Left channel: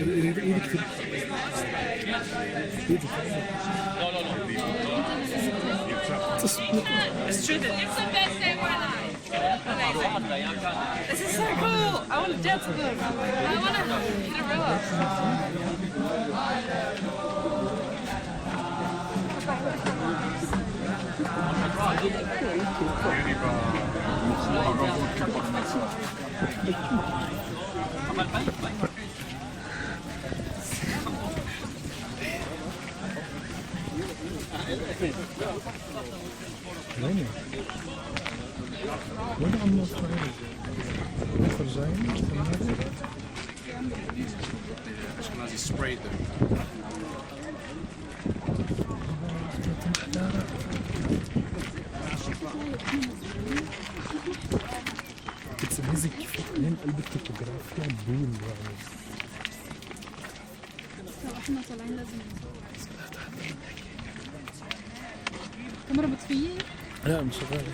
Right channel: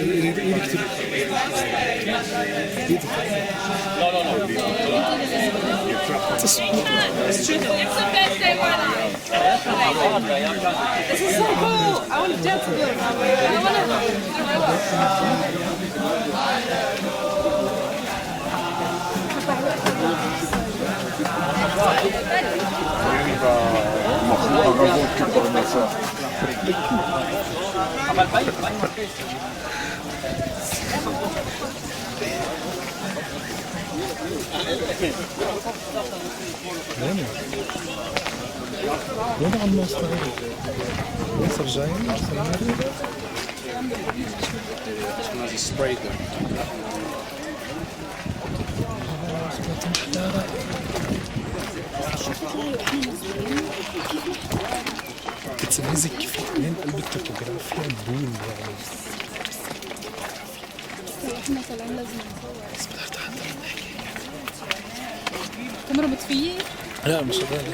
It's the best day of our lives. This is so cool. I want to dance with them. I want to hit a river. אני במחזור ערבות כפרנסה. אבל באים הרבה. وين عم نوصل؟ ياسر جايين؟ Ashkenazi sprayed them. بتميزك من قلب التوبوغرافيا بول يعني. احنا طالعين لازم نصور. كاميرا مطفية؟ لا مش شغالة.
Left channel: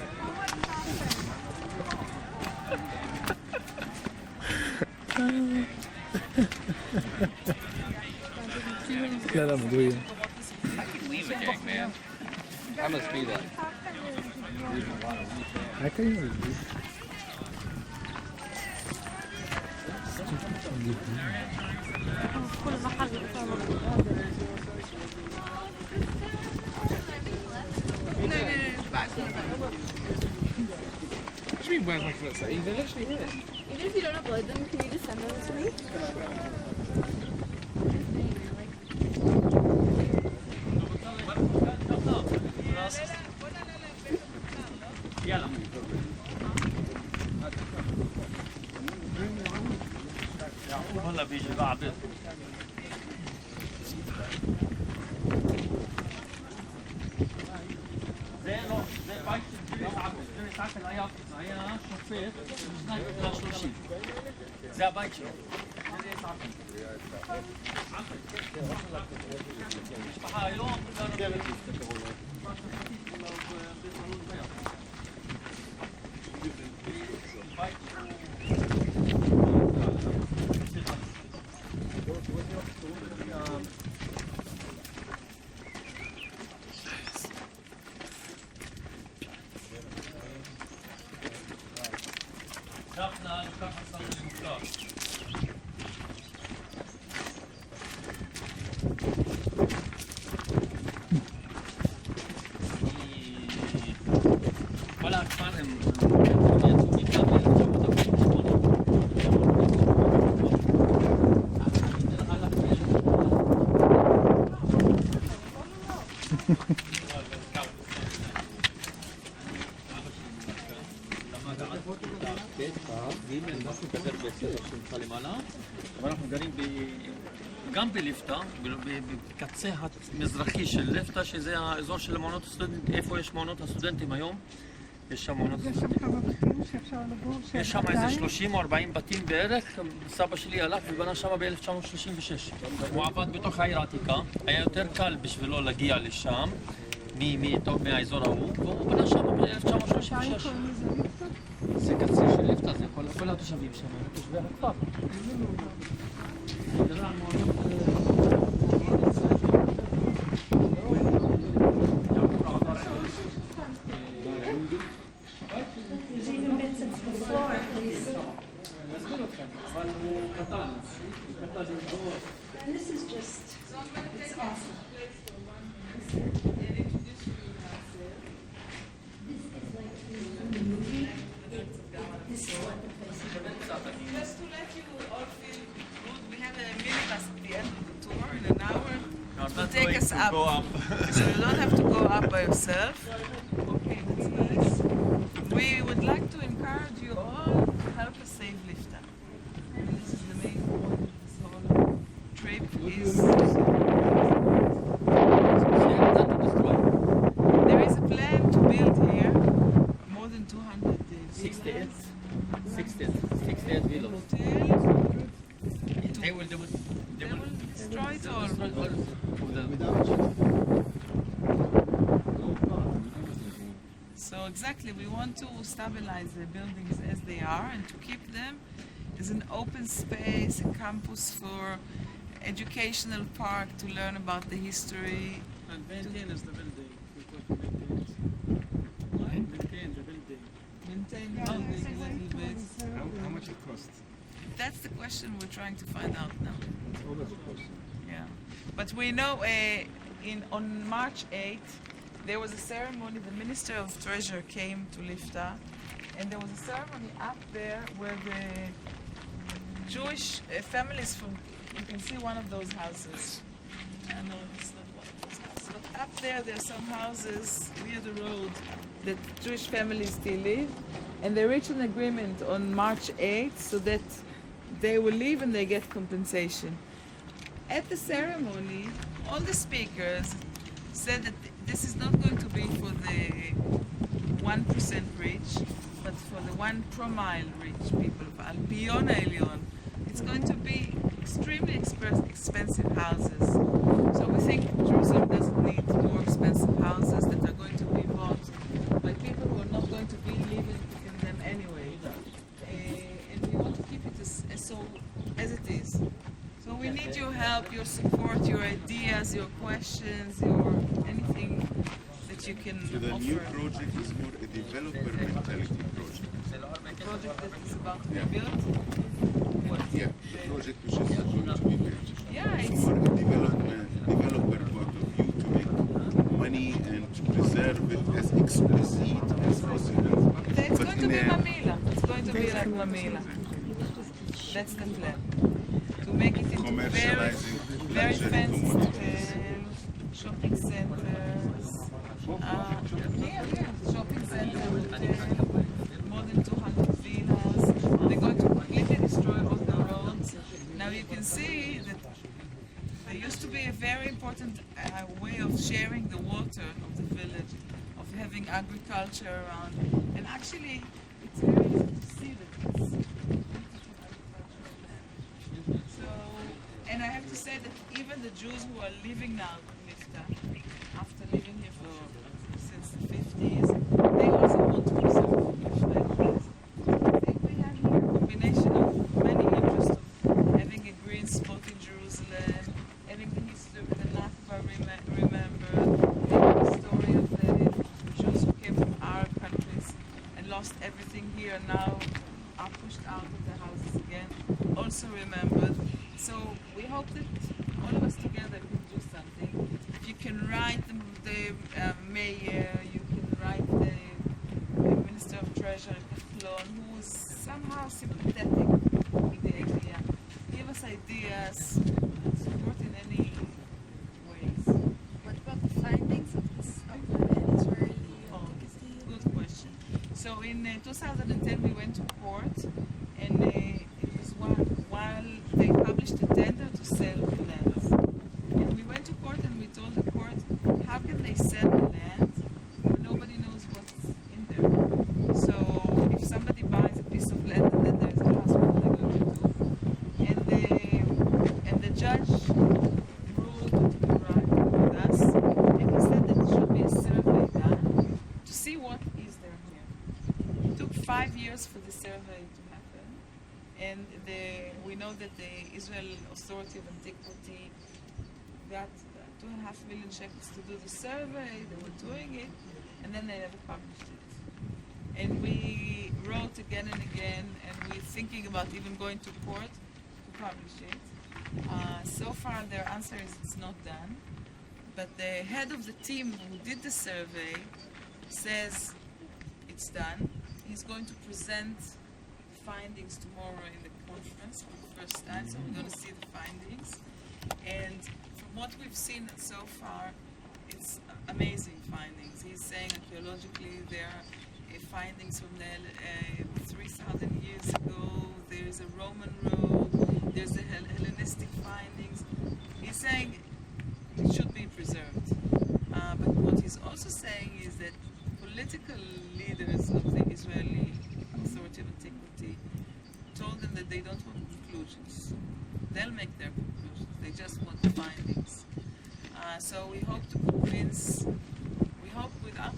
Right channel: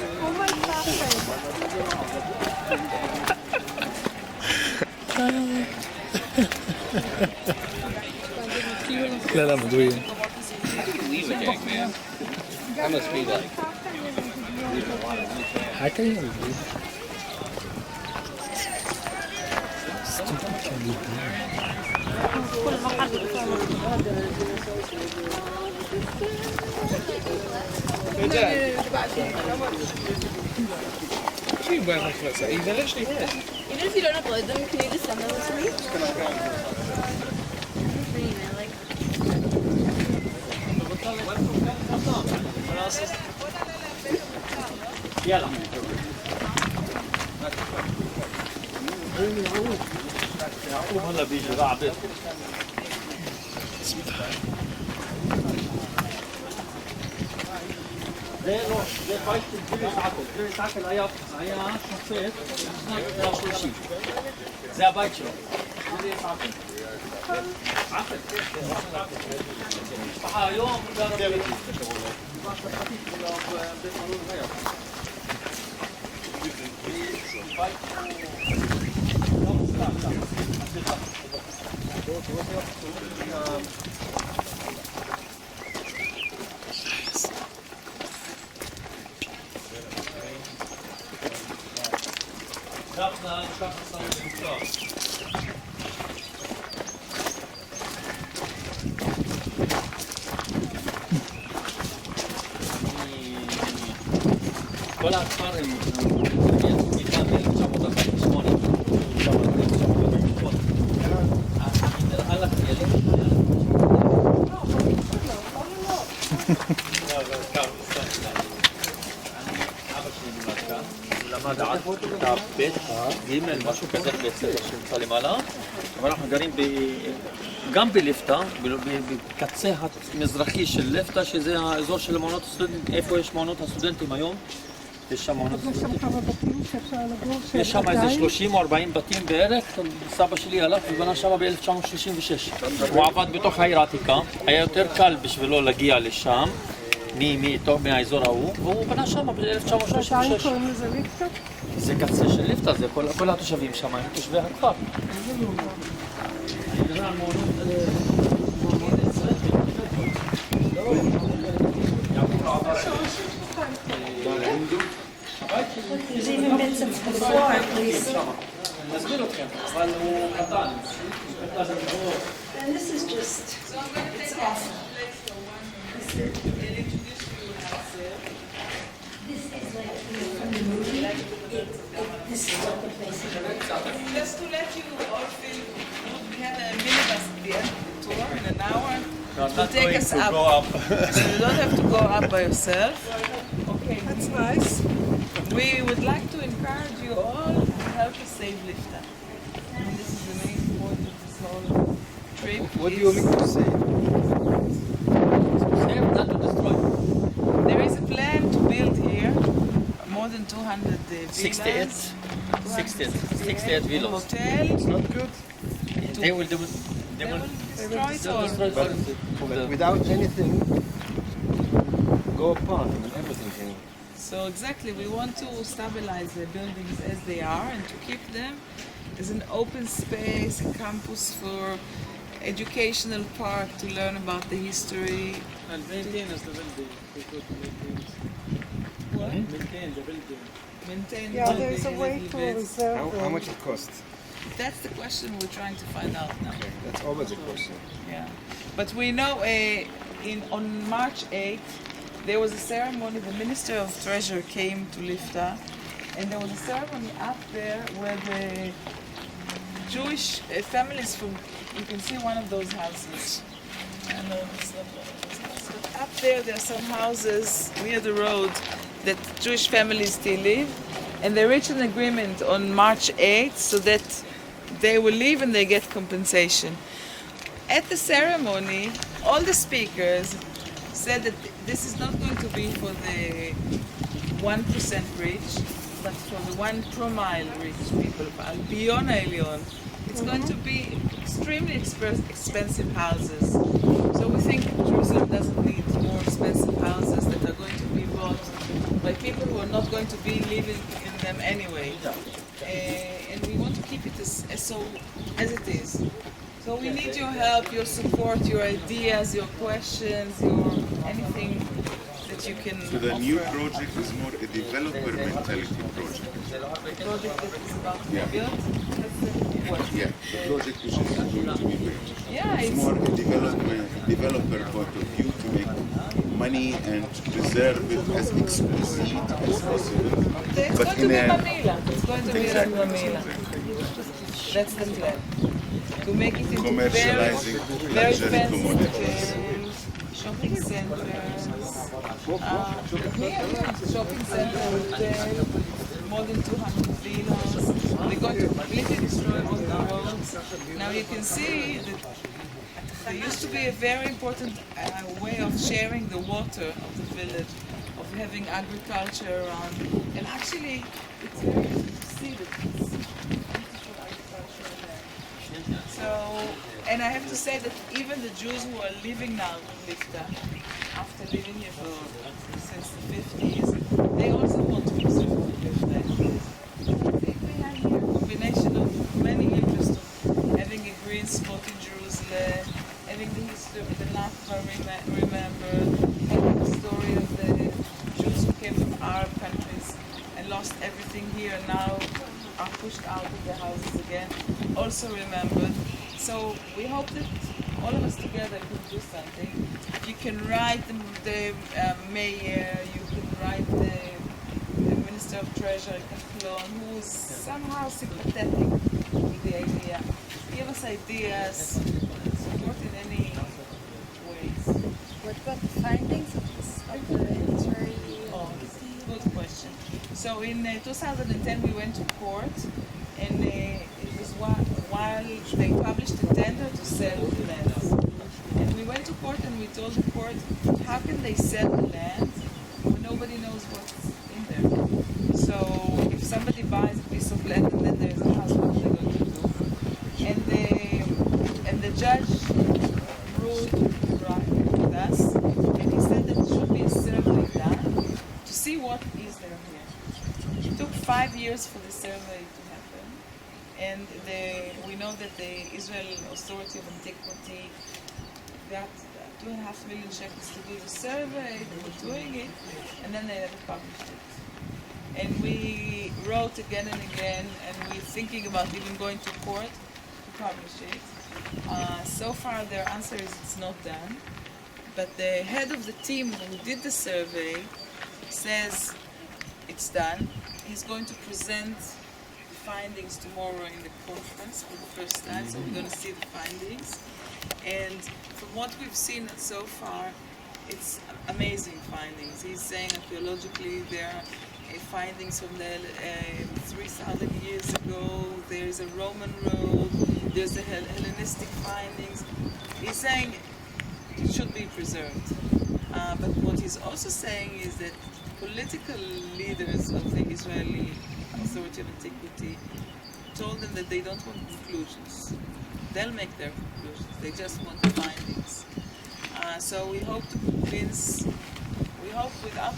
لا لا مدوية. Leave a gang, man. That must be like. حتى يلي. Stupid can you do? What do you mean where's my clothes? They're literally here. Even if you don't upload them, can you just send them to me? يلا يعقوب هلا بيجي رعبت زي فايت الجري ساعتل هيا شفيت سنة 30 زي بايت شلو جري ساعتل عقل مشبحة يوم قالوا لي بيت مرور غير شافنا صار المختار כל הכפר הם יצאו מכאן ב-1948. למד עד כיתה ב' ג' משהו כזה שנמצא למעלה, אבל אנחנו גרים גם בליפתא, בקצה המזרחי של ליפתא, שזה האזור של מעונות הסטודנטים, איפה יש מעונות הסטודנטים היום. יש שם מעונות הסטודנטים. יש שם כמה בתים שאפשר לגור? יש שם איזה 30 או 40 בתים בערך. סבא שלי הלך ובנה שם ב-1936. הוא עבד בתוך העיר העתיקה, היה יותר קל בשבילו להגיע לשם. מהאזור ההוא, והוא בנה שם ב-1936. עדיין קוראים לזה ליפטה? זה קצה של ליפטה, זה כל התושבים שם, הם תושבי הכפר. And this is just, it's awful. Just to let you all feel good, we have a minibus at the end of the tour in an hour. Not to take going us to up. go up. So you don't have to go up by yourself. Okay, That's nice. we would like to encourage you all to help us save Lifta. I mean, this is the main point of this whole trip. What do you want me to say? Not to destroy. There is a plan to build here more than 200 villas. 68 villas. Hotel. They will Destroy it all. Without anything go apart and everything can. So exactly, we want to stabilize the buildings as they are and to keep them is an open space, a campus for educational park to learn about the history. And maintainers the building. We could maintain. What? Maintain the building. Maintain Yeah, building there's a and way to elevate. reserve How them. much it costs? That's the question we're trying to find out now. That's always a question. Yeah, but we know on March 8th there was a ceremony. The Minister of Treasure came to Lifta, and there was a ceremony up there where the Jewish families from. You can see one of those houses. I know it's not one of those houses, but up there are some houses near the road that Jewish families still live, and they reached an agreement on March 8th so that they will leave and they get compensation. At the ceremony, all the speakers said that this is not going to be for the 1% rich, but for the 1 promile rich people, Alpion Elyon. It's going to be extremely expensive houses. So we think Jerusalem doesn't need more expensive houses that are going to be bought by people who are not going to be living in them anyway. And we want to keep it as it is. So we need your help, your support, your ideas, your questions, your anything that you can So the offer. new project is more a developer mentality project. The project that is about to Yeah. be built. What? Yeah, the project which is going to be built. Yeah, It's it's more a developer point of view to make money and to preserve it as exquisite as possible. it's but going to in be a- Mamila. It's going to be like Exactly. Mamila. That's the plan. To make it into very, Commercializing very luxury fancy commodities. hotels, shopping centers, shopping center, hotel, more than 200 villas. They're going to completely destroy all the roads. Now you can see that there used to be a very important way of sharing the water of the village, of having agriculture around. And actually, it's very easy to see that it's beautiful agriculture there. So, and I have to say that even the Jews who are living now in Lifta, after living here since the 50s, they also want to preserve Lifta. I think we have here a combination of many interests of having a green spot in Jerusalem, having the history of the Nakba remembered, having the story of the Jews who came from Arab countries and lost everything here and now are pushed out of their houses again, also remembered. So we hope that all of us together can do something. You can write the mayor, you can write the Minister of Treasury, Kahlon, who is somehow sympathetic with the idea. Give us ideas, support in any ways. What about the findings of the Israeli embassy? Good question. So in 2010 we went to court, and it was while they published a tender to sell the lands. And we went to court and we told the court, how can they sell the land when nobody knows what's in there? So if somebody buys a piece of land and then there's a house, what are they going to do? And the judge ruled right with us, and he said that it should be a survey done to see what is there here. It took 5 years for the survey to happen, and we know that the Israel Authority of Antiquity got 2.5 million shekels to do the survey. They were doing it, and then they never published it. And we wrote again and again, and we're thinking about even going to court to publish it. So far, their answer is it's not done. But the head of the team who did the survey says it's done. He's going to present the findings tomorrow in the conference for the first time, so we're going to see the findings. And from what we've seen so far, it's amazing findings. He's saying archaeologically there are findings from the 3,000 years ago. There is a Roman road. There's the Hellenistic findings. He's saying it should be preserved. But what he's also saying is that political leaders of the Israeli Authority of Antiquity told them that they don't want conclusions. They'll make their conclusions. They just want the findings. So we hope to convince. We hope to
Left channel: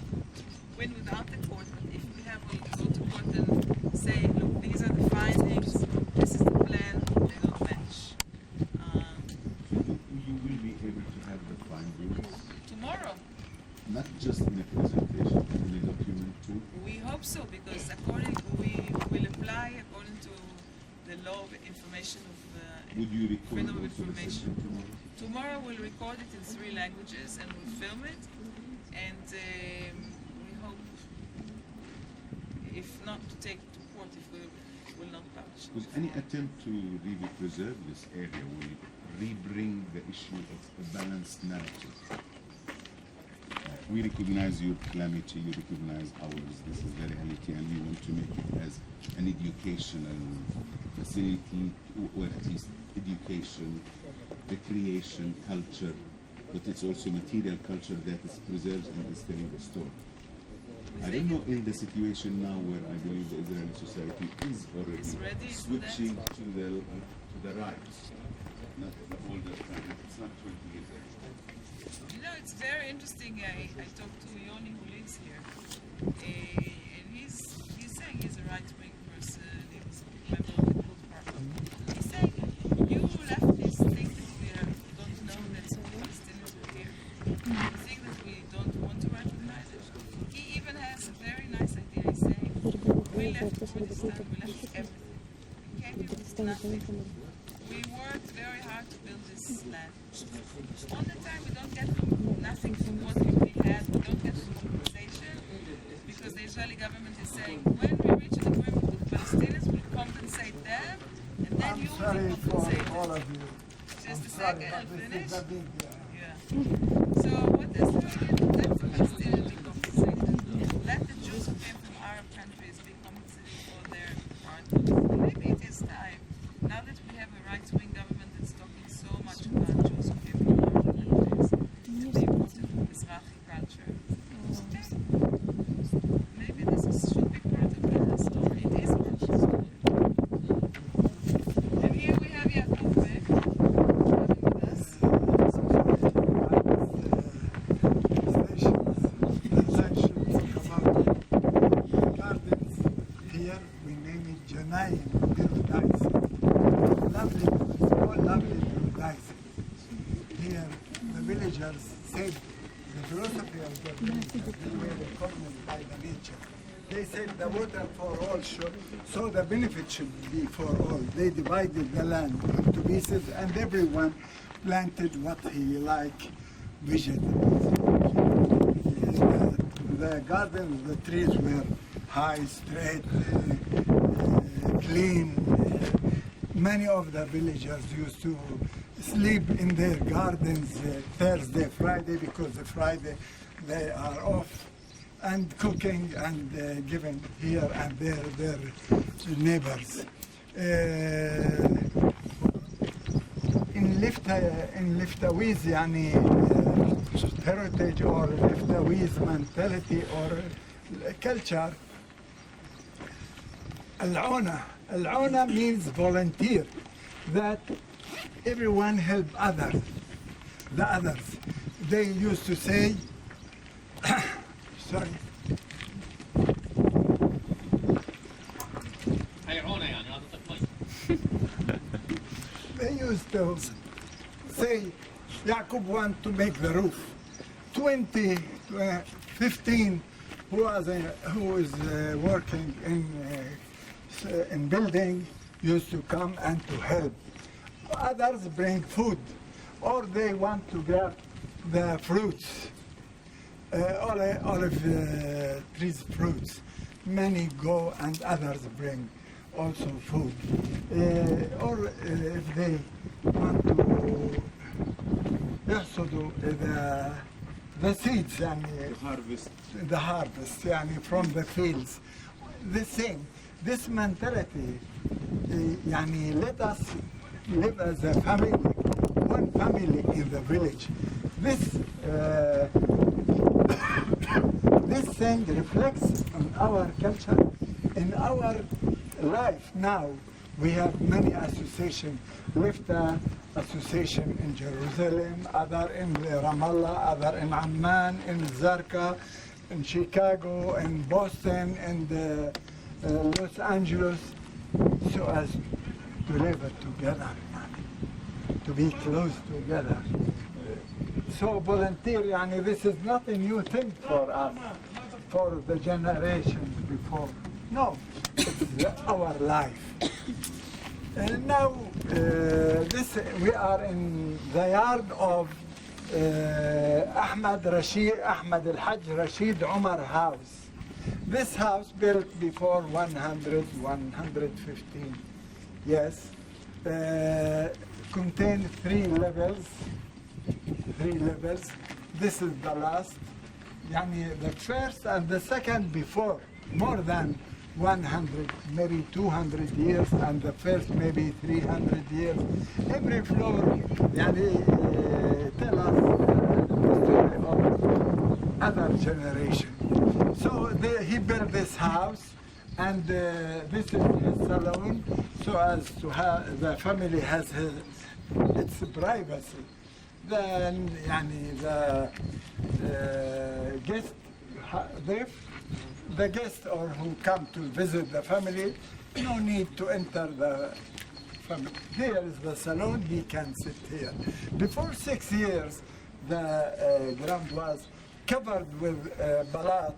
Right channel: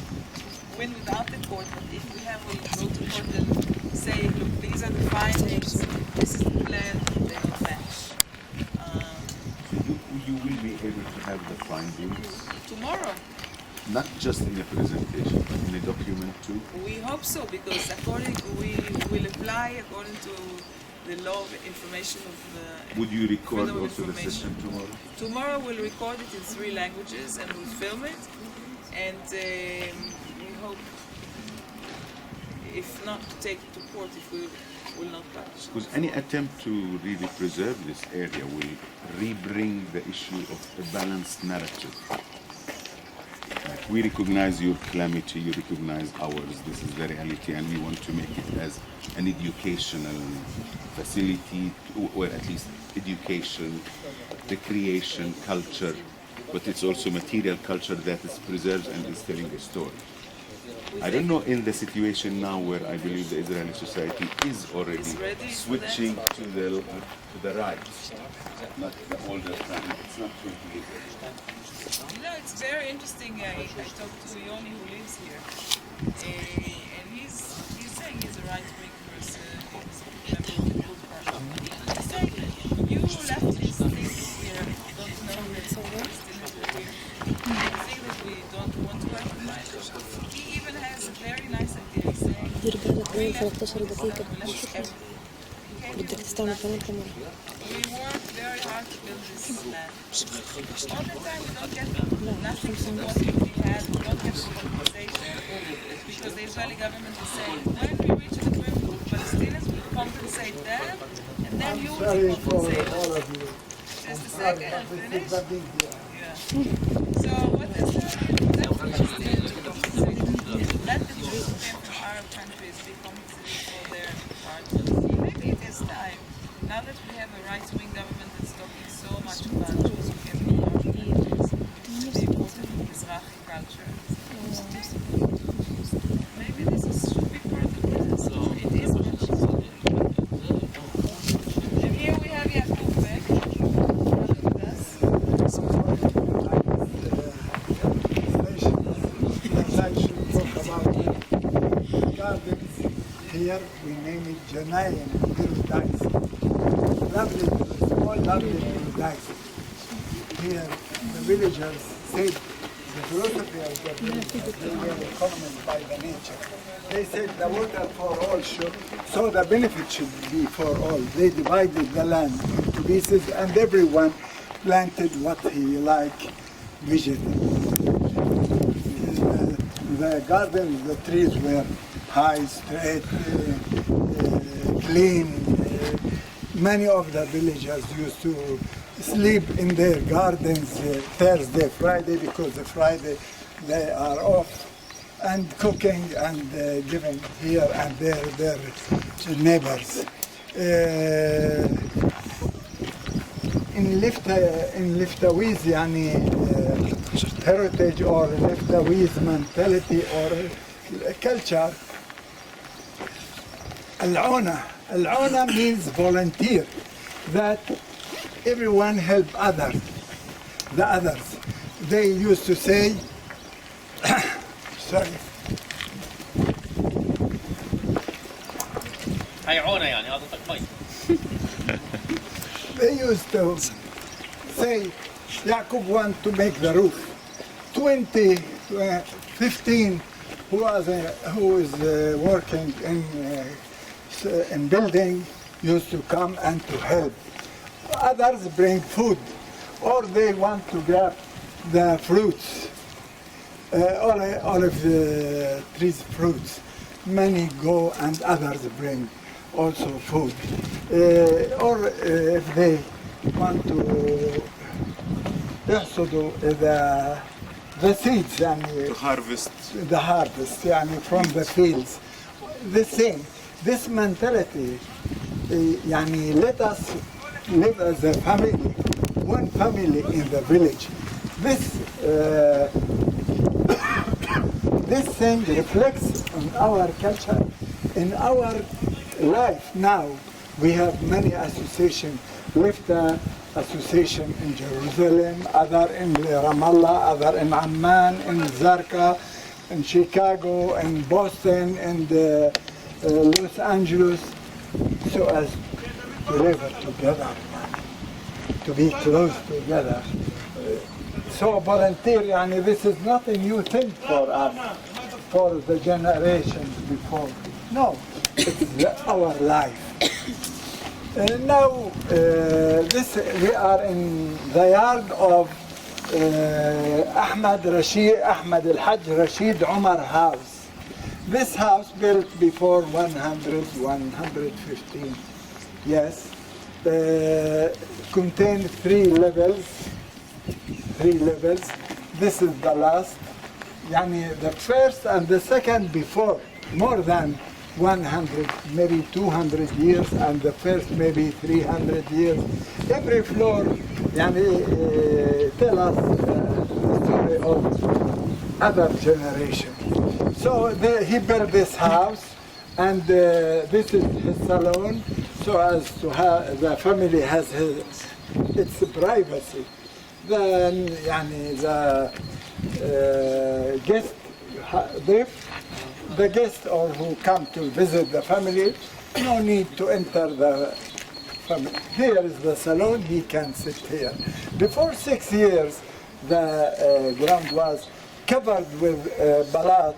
win without the court. But if we have, we'll go to court and say, look, these are the findings, this is the plan, they don't match. So you will be able to have the findings, Tomorrow, not just in a presentation, but in a document too. we hope so, because we will apply according to the law of information of Would you record freedom of also the information. session tomorrow? Tomorrow we'll record it in 3 languages and we'll film it, and we hope, if not to take it to court, if we will not publish it. Because any attempt to really preserve this area will re-bring the issue of a balanced narrative. Like, we recognize your calamity, you recognize ours, this is the reality, and we want to make it as an educational facility, or at least education, recreation, culture, but it's also material culture that is preserved and is telling a story. I don't know in the situation now where I believe the Israeli society is already Is ready for switching to the right, not the older time. It's not 20 years ago. You know, it's very interesting. I talked to Yoni who lives here, and he's saying he's a right-wing person. He's a member of the good party. He's saying you leftists think we don't know that Palestinians are here. You think that we don't want to recognize it. He even has a very nice idea. He's saying we left Kurdistan, we left everything. We worked very hard to build this land. All the time we don't get nothing from what we had, we don't get compensation, because the Israeli government is saying when we reach an agreement with Palestinians, we'll compensate them, and then you will be compensated. all of you. Just a second and finish. Yeah. So what they're saying is let the Palestinians be compensated. Let the Jews who came from Arab countries be compensated for their part. Maybe it is time. Now that we have a right-wing government that's talking so much about Jews who came from Arab countries, the important Mizrahi culture, maybe should be part of this. It is part of it. And here we have Yacoub Odeh with us. I should talk about gardens. Here we name it Janayim Paradise. Lovely, small lovely paradise. Here the villagers said the philosophy of the villagers, they were economists by the nature. They said the water for all so the benefit should be for all. They divided the land into pieces and everyone planted what he liked, vegetables. The gardens, the trees were high, straight, clean. Many of the villagers used to sleep in their gardens Thursday, Friday, because the Friday they are off, and cooking and giving here and there their neighbors. In Liftawiz, yani heritage or Liftawiz mentality or culture, Al-Auna means volunteer, that everyone help others, the others. They used to say, sorry, they used to say, Yaacoub want to make the roof. 15 who is working in building used to come and to help. Others bring food, or they want to grab the fruits, olive trees fruits. Many go and others bring also food. Or if they want to يحصدوا the seeds and To harvest. the harvest يعني from the fields. The same. This mentality يعني let us live as a family, one family in the village. This this thing reflects on our culture, in our life now. We have many associations, Lifta association in Jerusalem, other in Ramallah, other in Amman, in Zarqa, in Chicago, in Boston, and Los Angeles, so as to live together, to be close together. So volunteer, yani, this is not a new thing for us, for the generations before. No, it's our life. Now, we are in the yard of Ahmad Al-Hajj Rashid Umar house. This house built before 115, yes, contained three levels. This is the last, yani the first and the second before, more than 100, maybe 200 years, and the first maybe 300 years. Every floor, yani, tell us the story of other generation. So he built this house, and this is his salon, so as to have the family has its privacy. Then, yani, the guest the guests or who come to visit the family, no need to enter the family. Here is the salon, he can sit here. Before 6 years, the ground was covered with balat.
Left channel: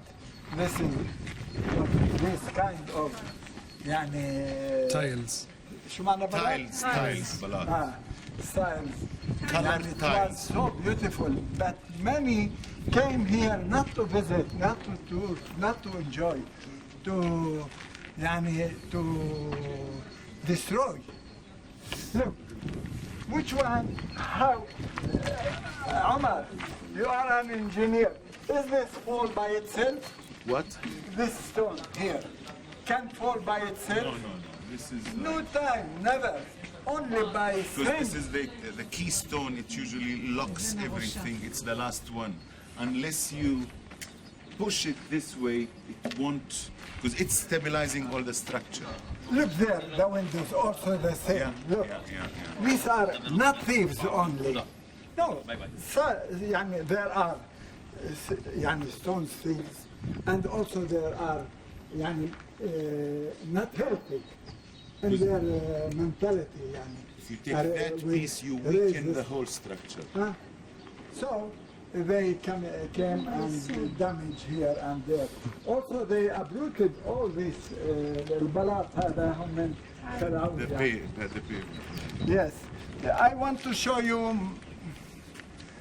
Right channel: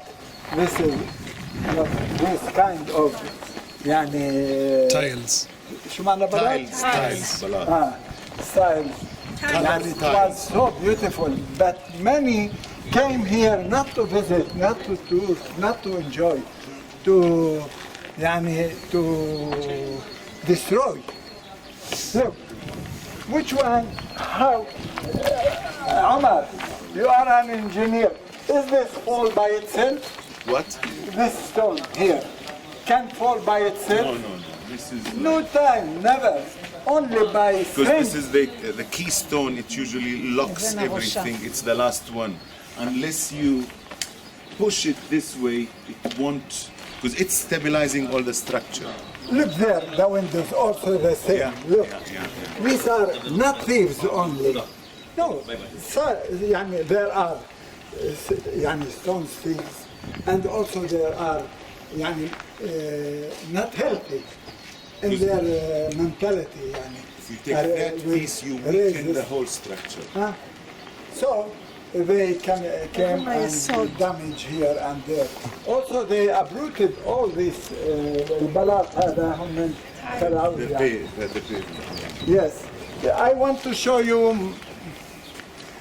This is this kind of يعني tiles. شو معنى بلات؟ tiles, balat. Styles. Colored It tiles. was so beautiful, but many came here not to visit, not to tour, not to enjoy, to destroy. Look, which one? How? Omar, you are an engineer. Is this fall by itself? What? This stone here can fall by itself? No. This is No time, never. Only by because strength. this is the keystone. It usually locks everything. It's the last one. Unless you push it this way, it won't. Because it's stabilizing all the structure. Look there, the windows also the same. Yeah. Look, Yeah. these are not thieves only. No, يعني there are يعني stone thieves, and also there are يعني not healthy in their mentality. يعني. If you take that with piece, you weaken the resist. whole structure. Huh? So they came and damage here and there. Also they uprooted all these البلاط هذا هم من خلعوه The يعني. pavement. Yes, I want to show you.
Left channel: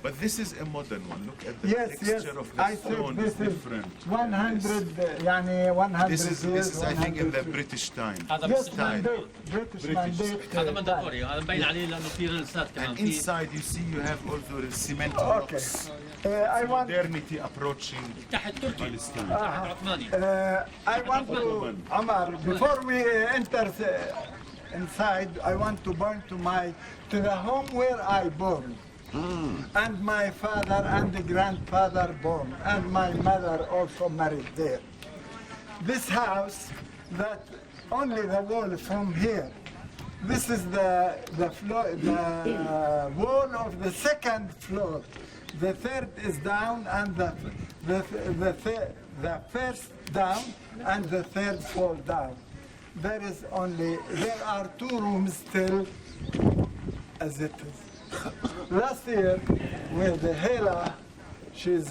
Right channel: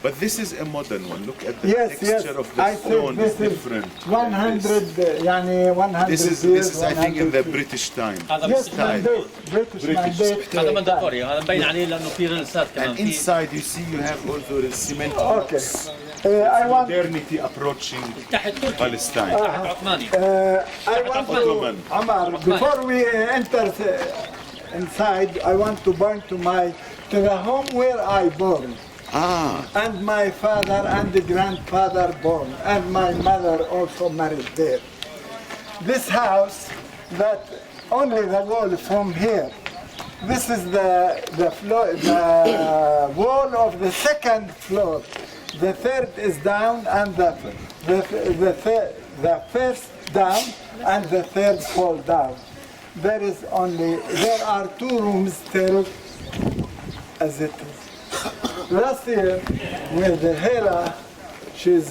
But this is a modern one. Look at the Yes, texture of the I think stone is this is different. 100 يعني 100 This is years, I think in the 150. British time. هذا Yes, بس mandate, British mandate. هذا منداتوري هذا مبين عليه لانه في ريلسات كمان And في inside you see you have also the cement Okay. blocks. I want. Modernity approaching تحت تركي Palestine. عثماني I want to, Omar, before we enter inside, I want to burn to the home where I born. And my father and the grandfather born, and my mother also married there. This house, that only the wall from here. This is the floor, the wall of the second floor. The third is down, and the first down, and the third fall down. There are 2 rooms still as it is. Last year, with Hela, she's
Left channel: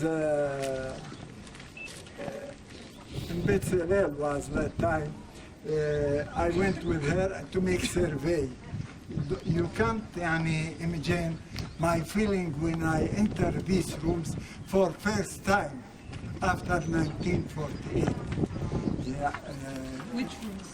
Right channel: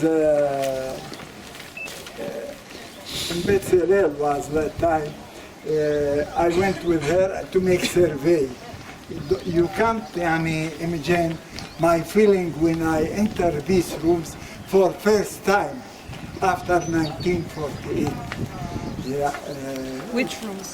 in Beit Hillel was that time. I went with her to make survey. You can't imagine my feeling when I enter these rooms for first time after 1948. Which rooms?